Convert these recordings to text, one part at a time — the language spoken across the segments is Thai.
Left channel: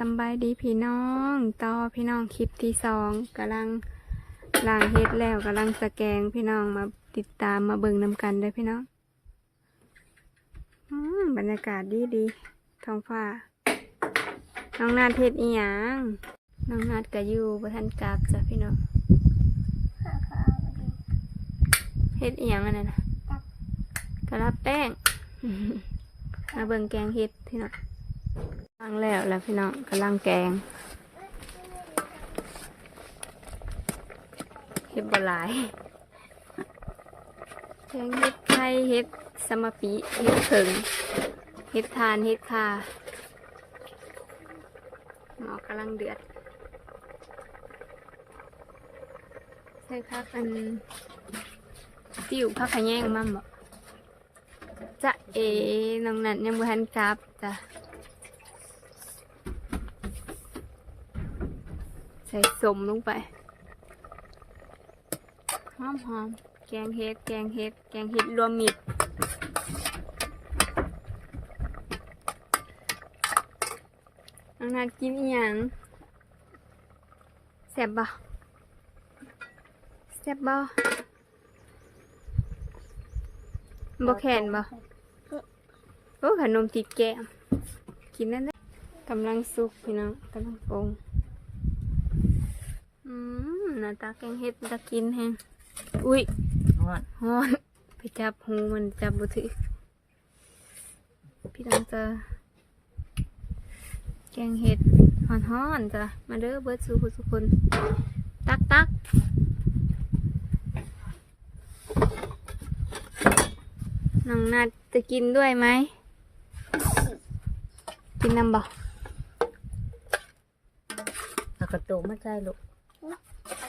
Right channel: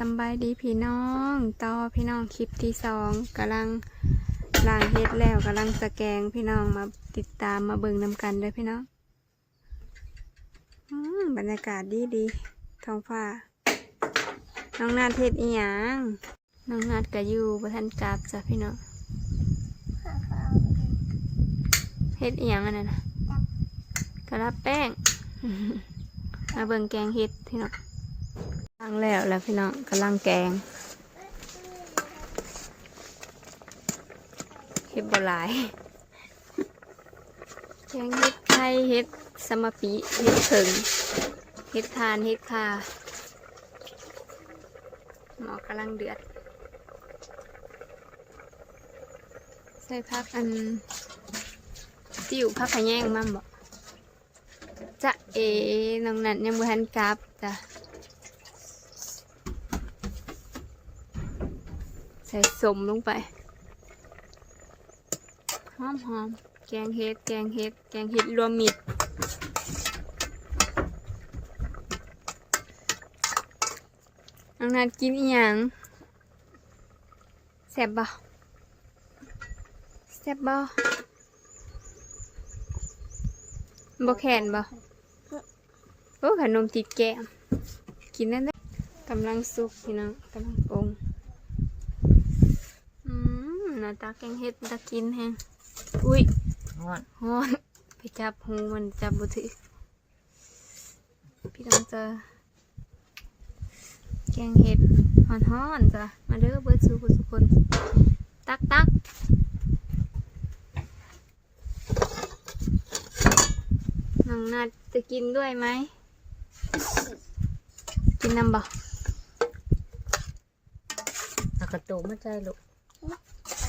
สำบายดีพี่น้องต่อพี่น้องคลิปที่สองกำลังล้างเฮ็ดแล้วกำลังสแกงพี่น้องมาติดตามมาเบิ่งนำกันเด้อพี่น้องอืมบรรยากาศดีดีๆท้องฟ้า น้องนาดเฮ็ดอีหยังน้องนาดก็อยู่บ่ทันกลับจ้ะพี่น้องเฮ็ดอีหยังอันนั้นน่ะกระลับแป้งมาเบิ่งแกงเฮ็ดพี่น้อง ล้งแล้วแล้วพี่น้องกำลังแกงเฮ็ดบ่หลายแกงเฮ็ดไทยเฮ็ดสมปีเฮ็ดเผิงเฮ็ดทานเฮ็ดคาหมอกำลังเดือด ใส่พักอันติวพักขะแยงมั่มบ่จะเอน้องนันยังบ่ทันกลับจ้ะ ส่สมลงไป หอมหอมๆแกงเห็ด แกงเห็ด แกงเห็ดรวมมิตรน้องนัดกินอีหยังแซ่บบ่แซ่บบ่บ่แข็งบ่โอ้ขนมติดแก้มกินนั่นได้กำลังสุกพี่น้องกำลังปรุง น้าตาแกงเห็ดตากินแฮงอุ้ยนวดฮอนไปจับหูมันจับบุถือพี่น้องจะแกงเห็ดฮอนฮอนๆจ้ะมาเด้อเบิร์ดสูคุณสุกคนตักตักน้องนัดจะกินด้วยไหม กินน้ำบ่เอากระตุกมาใจลูก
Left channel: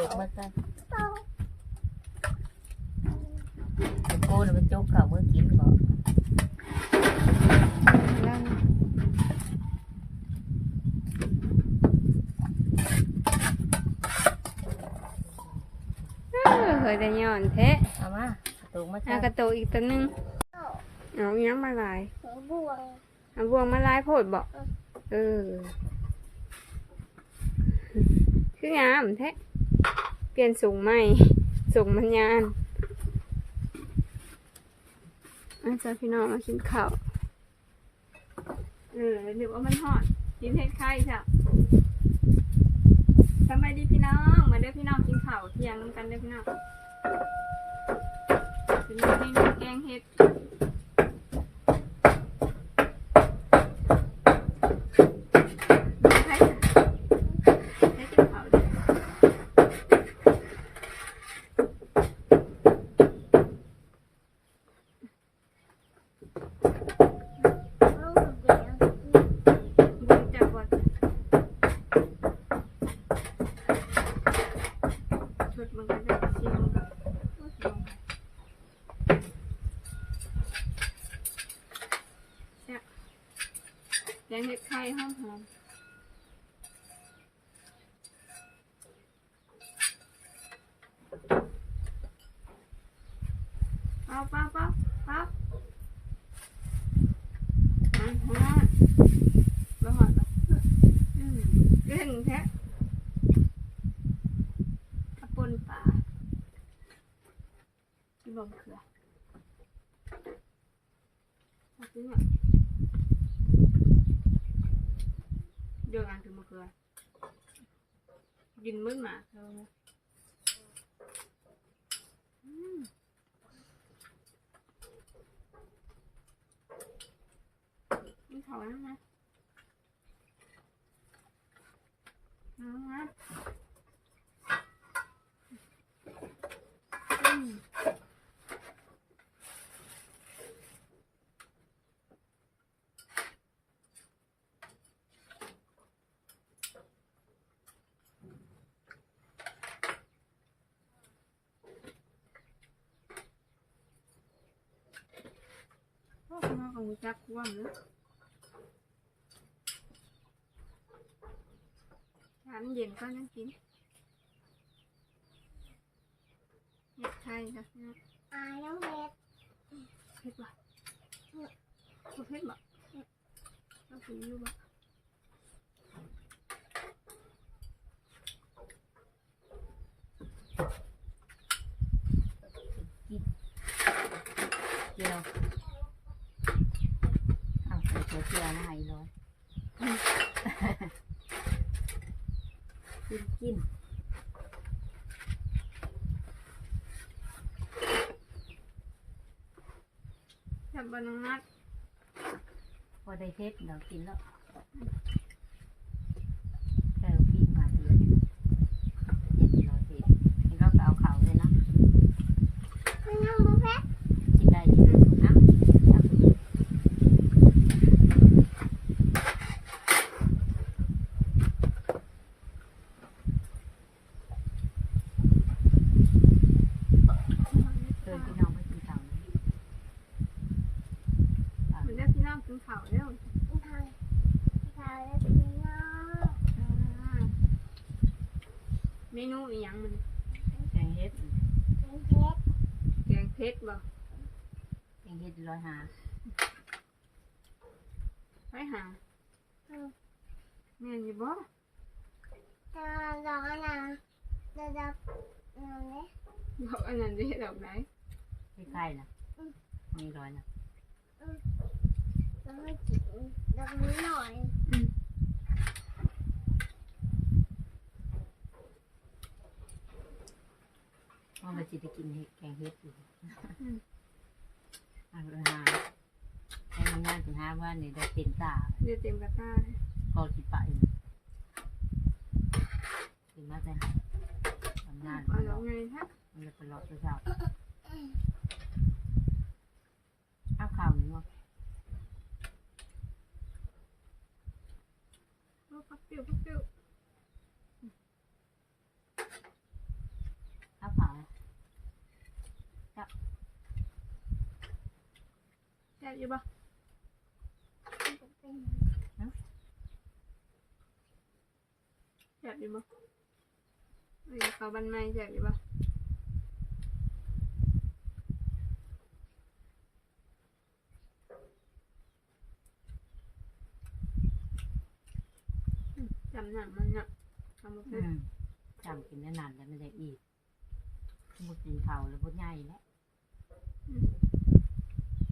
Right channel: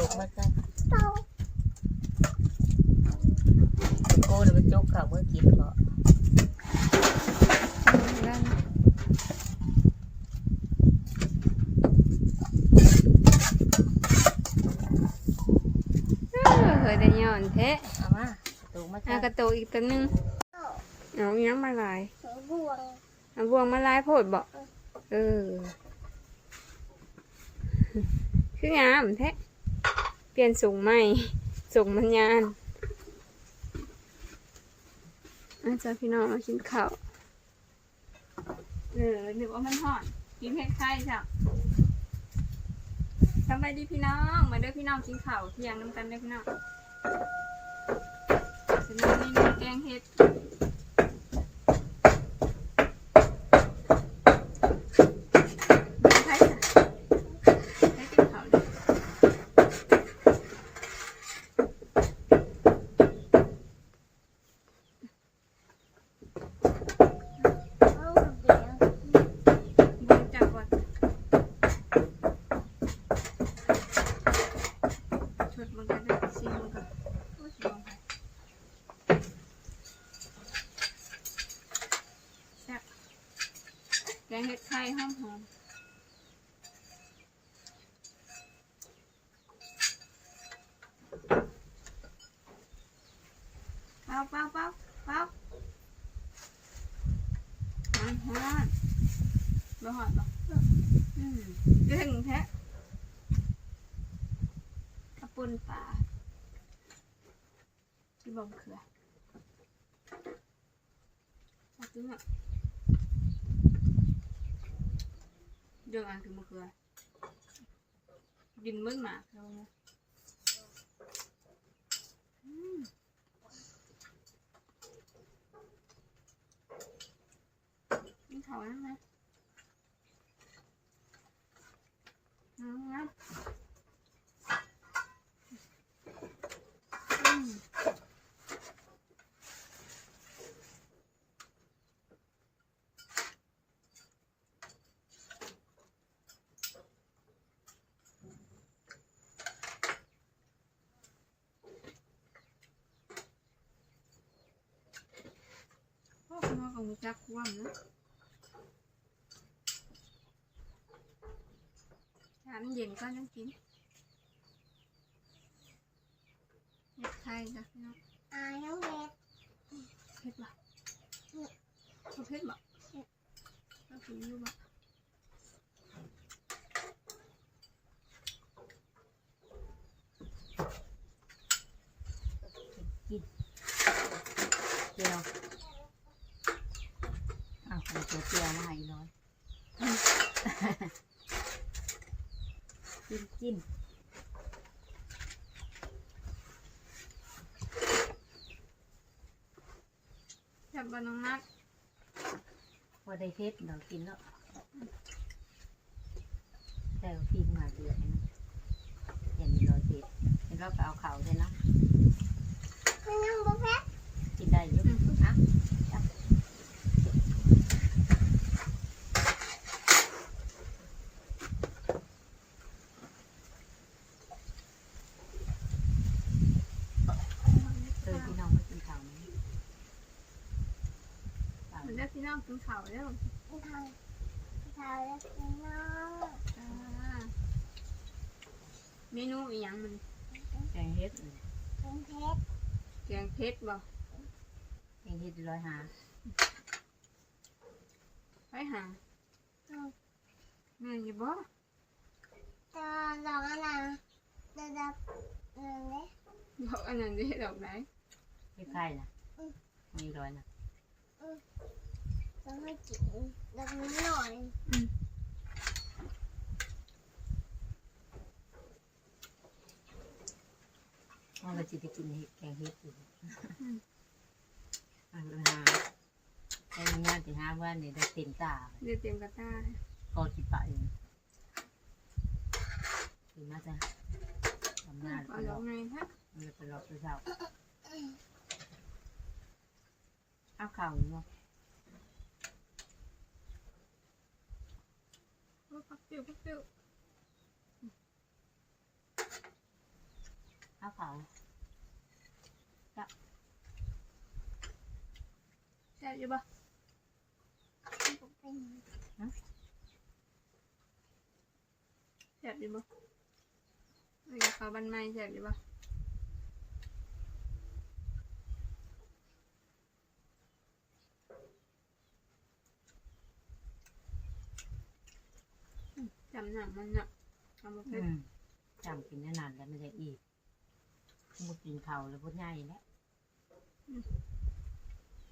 กระตุกมาใจโก้เนี่ยมันจกเข่าเมื่อกี้ก็แล้วนะเออเคยแต่ย้อนแท้เอามากระตุกมาใจอากระโตกอีกตัวหนึงเอาอีหยังมาลายบวงเอาบวงมาลายโพดบอกเออคืองามแท้เป ลี่ยนสูงใหม่สูงมันยานอาจารย์พี่น้องมากินข้าวเออหรือว่ามันหอดกินเผ็ดไข่จ้ะสบายดีพี่น้องมาเด้อพี่น้องกินข้าวเที่ยงน้ำกันเด้อพี่น้องจะมีเมนูแกงเห็ด ห็ดไข่หอมหอมป้าเป้าเป้าเป้าหอมหอมบ่หอมบ่อืมเรื่องแท้กระปุนปลาที่บ่มเขือเอาจริงอะ เดี๋ยวอันคือมะเขือกินมื้อหมากแล้วนี่ยนี่เขาแล้วนะเอานะ ก็มูจักความนะถามเย็นก็ยังกินเห็ดไทยจ้ะพี่น้องอายน้องเห็ดเห็ดบ่เขาเห็ดบ่เขากินอยู่บ่กินเดี๋ยว เจียวมาให้อีร้อยกินกินจับบน้องนัดพอได้เพชรเรากินแล้วแต่เราพิงมาเดือนเห็นร้อยเพชรแล้วก็เอาเขาเลยนะ มันยังบ่แพ้ กินได้อยู่อะจับเออพี่น้องไม่กินข้าวนะเอา มันได้ พี่น้องกินข้าวแล้วทางทางแล้วเป็นน้องอ่าเมนูอีหยังมันแกงเฮ็ดเป็นเพชรแกงเผ็ดบ่แกงเฮ็ดร้อยหาไปหาแม่นอยู่บ่ตาลองอันน่ะระดับนั่นเลยบอกอันนั้นได้ดอกไหน เฮ็ดไข่นะมีร้อยนะต้อ งให้กินดับนี้หน่อยมันก็จะได้กินเฮ็ดแกงเฮ็ดอยู่อะร้อยหาแกงงานสิหาว่านี่ได้เต็มตาเดี๋ยวเต็มกระตาก็สิไปถึงมาจะทำงานเอามันดอกไงฮะมันจะไปรอเช้าเอาข่าวนี้ว่า โอ้พักติ้วพักติ้วเอาข่าวแซ่บอยู่บ่เป็นแซ่บอยู่บ่ไอ้ข้าวบันไม้แซ่บอยู่บ่อืมจำ หนังมันเนาะทำมาอืเผ็ดมจำกินได้นานแล้วไม่ได้อีกมุดกินข้าวแล้วพุดใหญ่แล้ว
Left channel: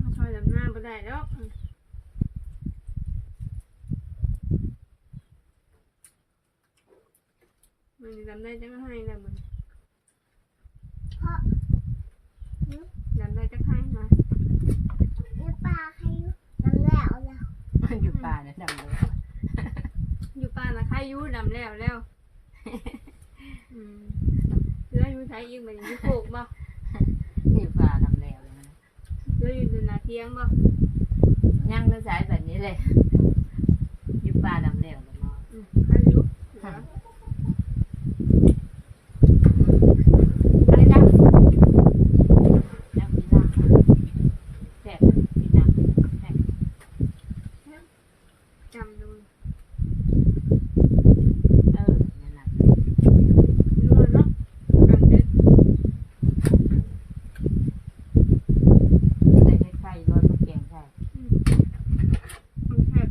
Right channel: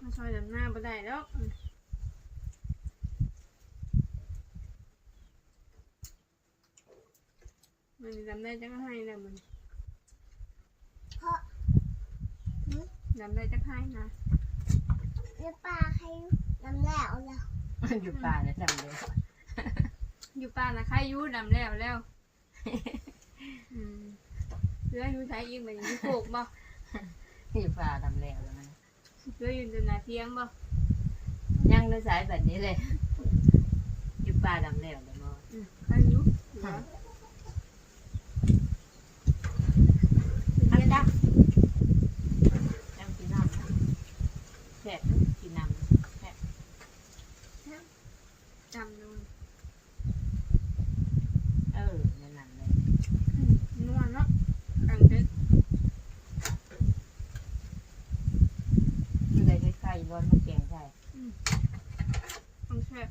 มาซอยดำหน้าบ่ได้แล้วอืมมันสิดำได้จังให้แล้วมันเพราะดำได้จังให้นะเนื้อปลาใครน้ำแล้วแล้วมันอยู่ป่าแล้วจำเลย อยู่ป่านะใครอยู่ดำแล้วแล้วอืมเรืออยู่ใช้อีกแบบอยู่โคกบ่อยู่ป่าทำแล้วแล้วมันเรืออยู่จนนาเที่ยงบ่ย่างเนื้อสายแบบนี้เลย อยู่ป่าดำแล้วแล้วมออืมใครอยู่เหลือ อะไรดังน้ำกินน้ำนะแซ่บกินน้ำแซ่บ จำดู เออนั่นน่ะ นวลเนาะกันเด็ด ได้ได้ไข่ร้อนมันแกงใช่ ต้องแซ่บ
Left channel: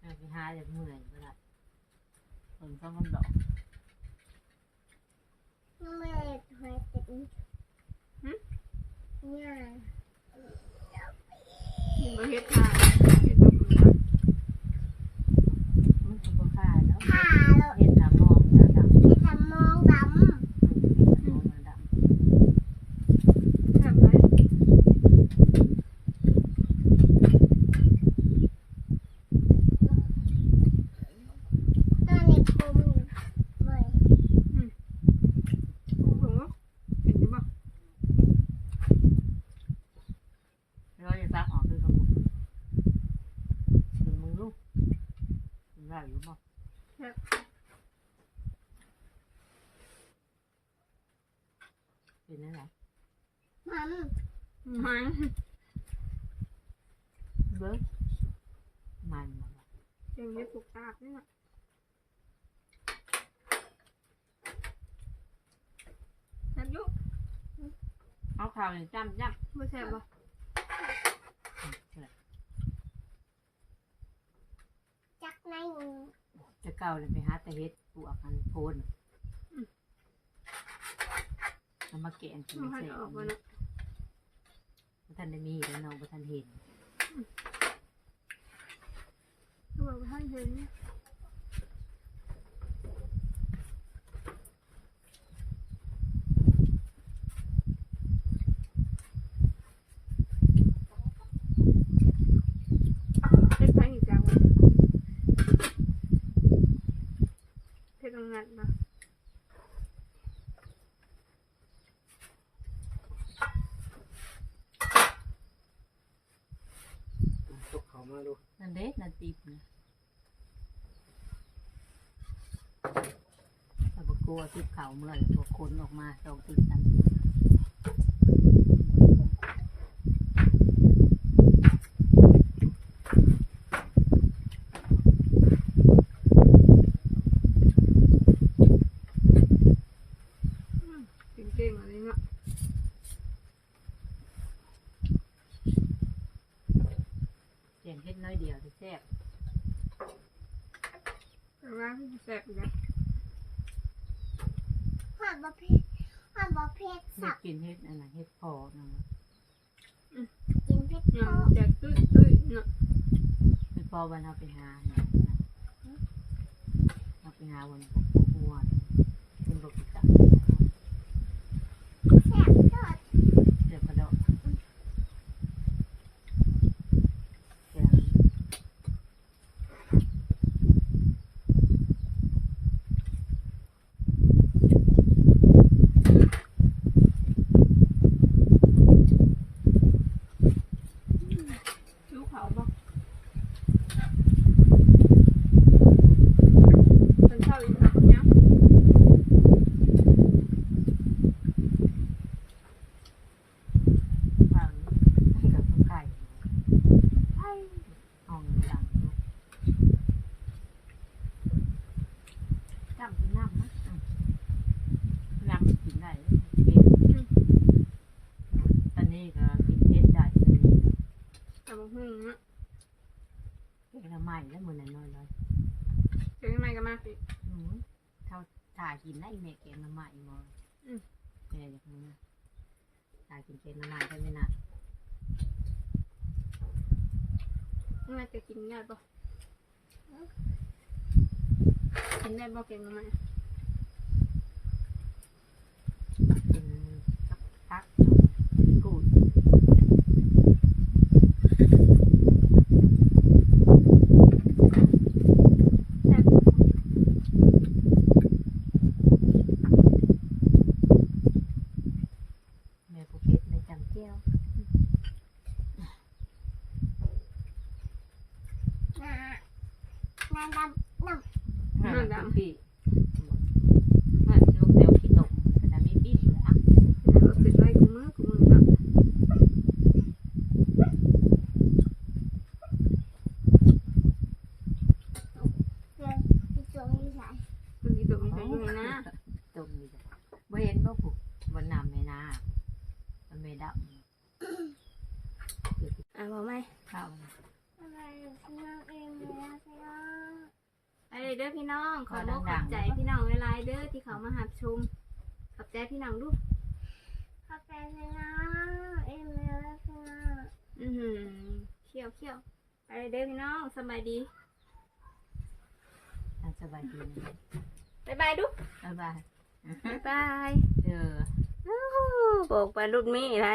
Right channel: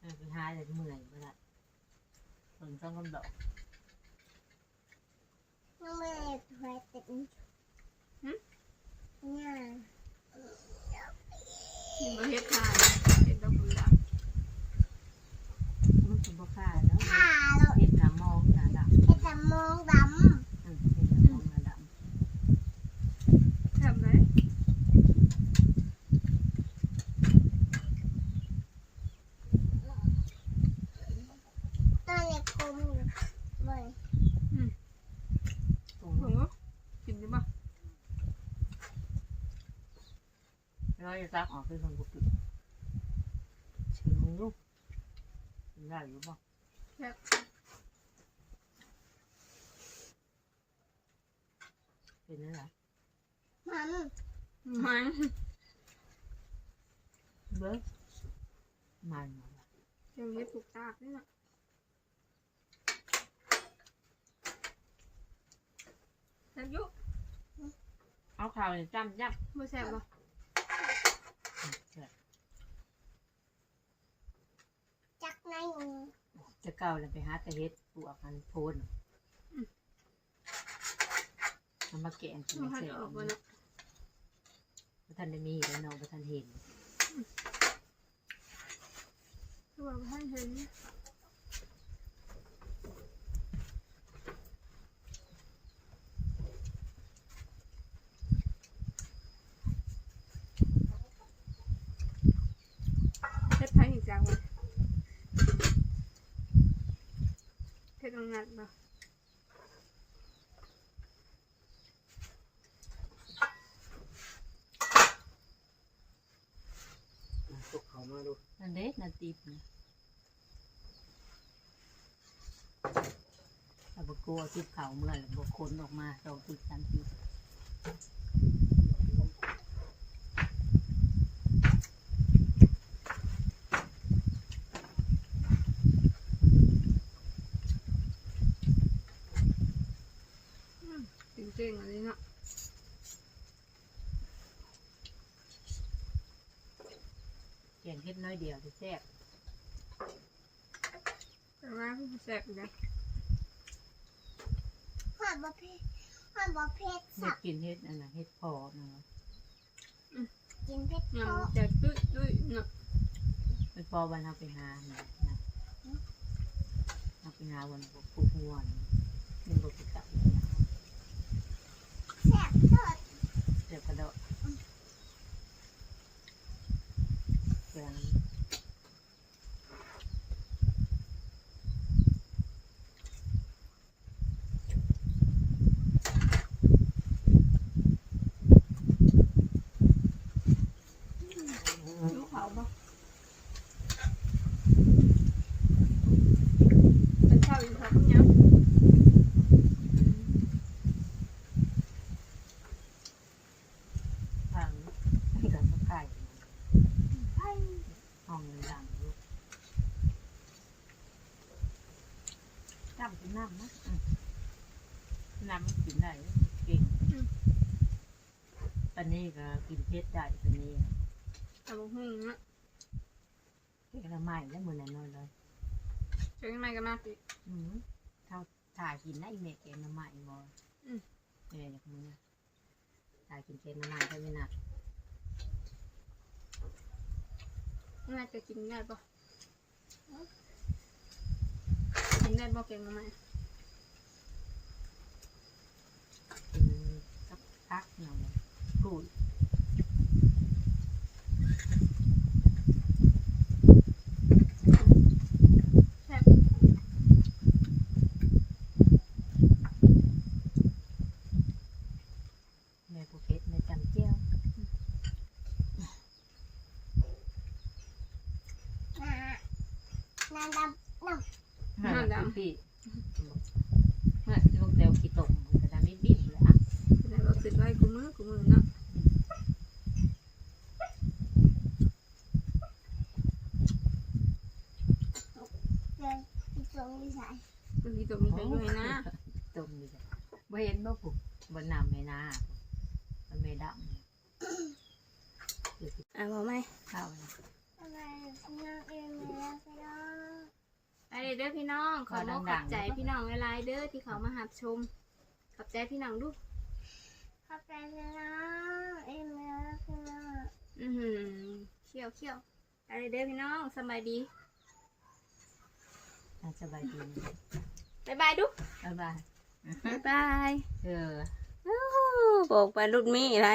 เออไปหาเลยเมื่อยเมื่อไหร่คนต้องกำดอก น้องเมย์ ถอยติดเนี่ยบ่เฮ็ดทานเฮ็ดบ่เบื่อ มันคือบ่ค่าเนาะ ขาเรา เห็ดหามองหน้าดำ ให้ทำมองด อืมเห็ดหามองหน้าดำ แซ่บไหมำตอนนี้คุมอยู่บ่อย โอ้ ผมว่าเห็นอยู่บ่ ร้อยจะซักออกคือสมุดกินมึงลูกกิน ได้อยู่บ่แซ่บกินนั่นแหละมันมันเบิ้งมันมาว่ะเจังเฮ็ดถูกตากนี่น่ะแซ่บอยู่เอาข่าวนี่จ้ำจ้บ่แซ่บบ่ำ จักในจะเก่าเลยไปหาแต่เฮ็ดปลวกมันโพนเอามาแกงกินบ่ไม่ให้เสร็จออกบ่เนี่ยทันได้มีแล้วน้องบ่ทันเห็น คือว่าท่านเห็นเฮ็ดไผอีกจังวะเฮ็ดตรงนั้นบ่ ตกเขา มาดูนั่นเด็กนาตีบนะแต่บกลัวทิบเข่าเมื่อแล้วพวกคนออกมาเราตื่นตัน จริงๆอันนี้เนาะ เขียนเฮ็ดน้อยเดียวจะแซ่บ แต่ว่ามันแซ่บอยู่นะหอดบะเพชรหอดบะเพชรเฮ็สัดบกินเฮ็ดอันน่ะเฮ็ดพอนะกินเพชรเนี่ยเพาะมันจะตุ้ยตุ้ยเนาะเฮ็ดพอวันเอาไปหาเนี่ยนะเอาไปหาวันพวกพวกงัวเป็นบ่กิจัก แซ่บเถิด เดี๋ยวก็ดอกแกง ลูกเขาบ่เป็นข้าวอีกครับเนี่ย ผังให้กับข้าวไก่ ไอ้ ห้องหลังลูกน้ำเป็นน้ำนะอืมน้ำกินได้เก่งตอนนี้ก็กินเผ็ดได้ตอนนี้ แต่ บางหุ่งเนาะเก่งละใหม่แล้วมือนั้นน้อยเลยเจอกันใหม่ก็มากสิอืมเท่าถ่ายกินได้แม่เก่งละใหม่บ่อืมแม่อยากมือถ่ายกินเก่งละใหม่ได้ไม่หนักน่าจะกินได้ปะกินได้บ่เก่งทำไมกินสักพักพูดแม่ผู้เพชรแม่จำเจ้า นานาดำน้ ห้าดำปีว่าลูกเดียวกี่ตกมันจะทำให้ปีเลยอะเดี๋ยวเราติดไว้กูมือกูมือเนาะำเลยที่ตรงนี้ใส่มันมีตัวมีใครด้วยนะตรงนี้จ้ะบ่เห็นบ่ผูกบนน้ำไม่นามันไม่ดำอะบอกไหมข้าวทำไมพี่น้องเองไม่รักพี่น้อง ไป เลยเด้อพี่น้องขอบอกขอบใจพี่น้องเวลาเด้อที่เขามาหับชม ขอบใจพี่น้องดูขอบใจพี่น้องเองไม่รักพี่น้องอือหือเขี้ยวเขี้ยวไปเลยเด้อพี่น้องสบายดีน่าสบายดีบ๊ายบายดูบ๊ายบายบ๊ายบายเออบอกไปรุ่นมีอะไร